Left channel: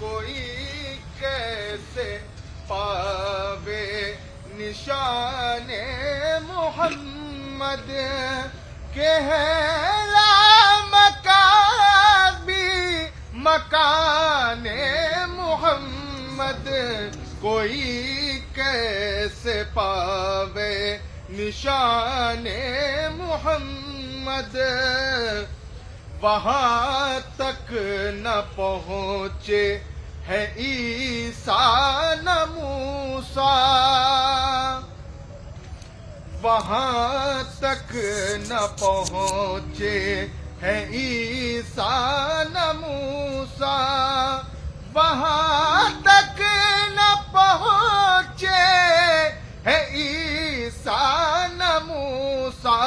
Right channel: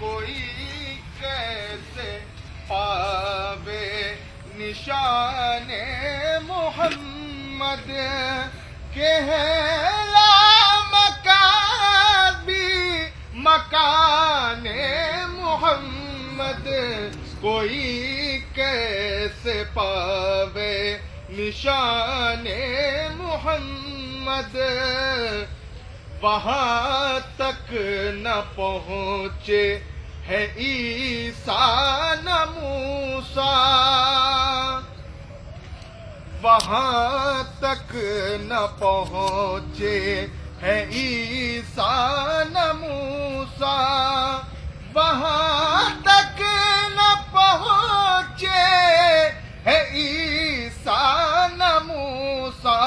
کوئی کیسے پاوے نشان محمد کہ ہے لامکانی مکان محمد کوئی کیسے پاوے نشان محمد وہاں تک نہ پہنچے ہے عیسیٰ نہ موسیٰ وہاں تک نہ پہنچے ہے عیسیٰ نہ موسیٰ وہاں تک نہ پہنچے ہے عیسیٰ نہ موسیٰ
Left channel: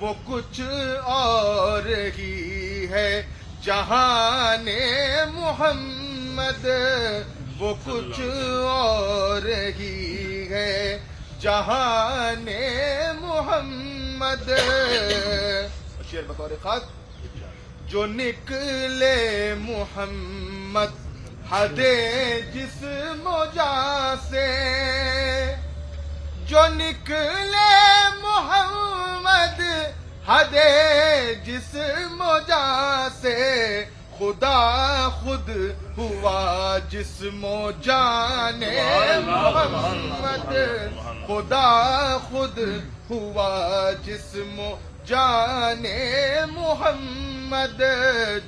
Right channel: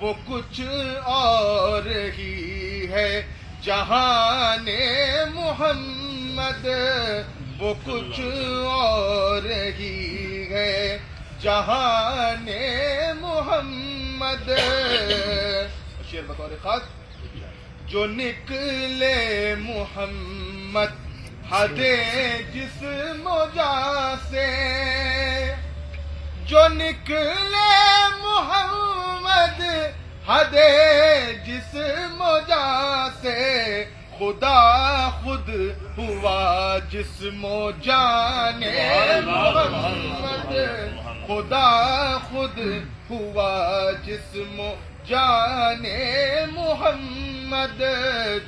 وہ کچھ اور ہی ہے جہان محمد وہ کچھ اور ہی ہے جہان محمد شعر بطور خاص جو نکلے محمد حد جسم و جاں سے جو نکلے محمد حد جسم و جاں سے خدا خود ہوا جسم و جان محمد خدا خود ہوا جسم و جان محمد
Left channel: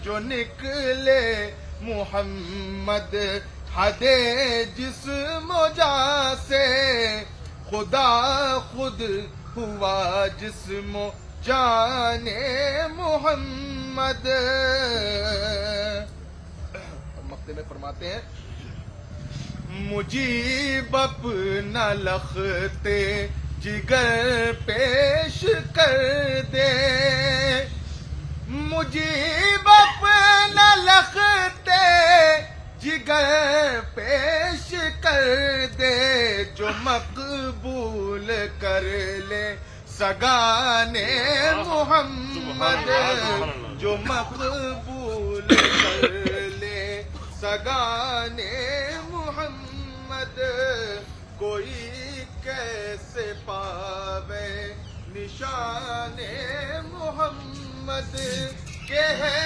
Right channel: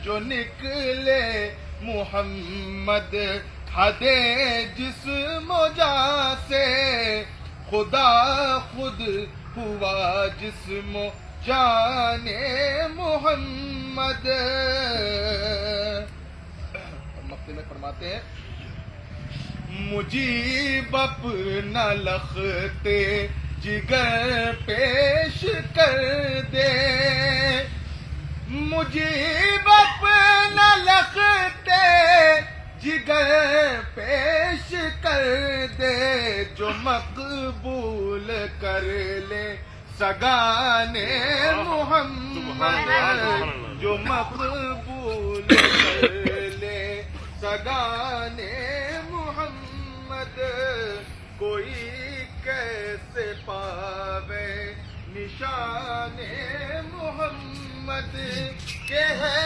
جو نکلے محمد حد جسم و جاں سے خدا خود ہوا جسم و جان محمد مقطع میں فرماتے ہیں مجیب اپنا لختے جگر پیش کر دے مجیب اپنا لختے جگر پیش کر دے جو مقبول کر لے سگان محمد جو مقبول کر لے سگان محمد کوئی کیسے پاوے نشان محمد کہ ہے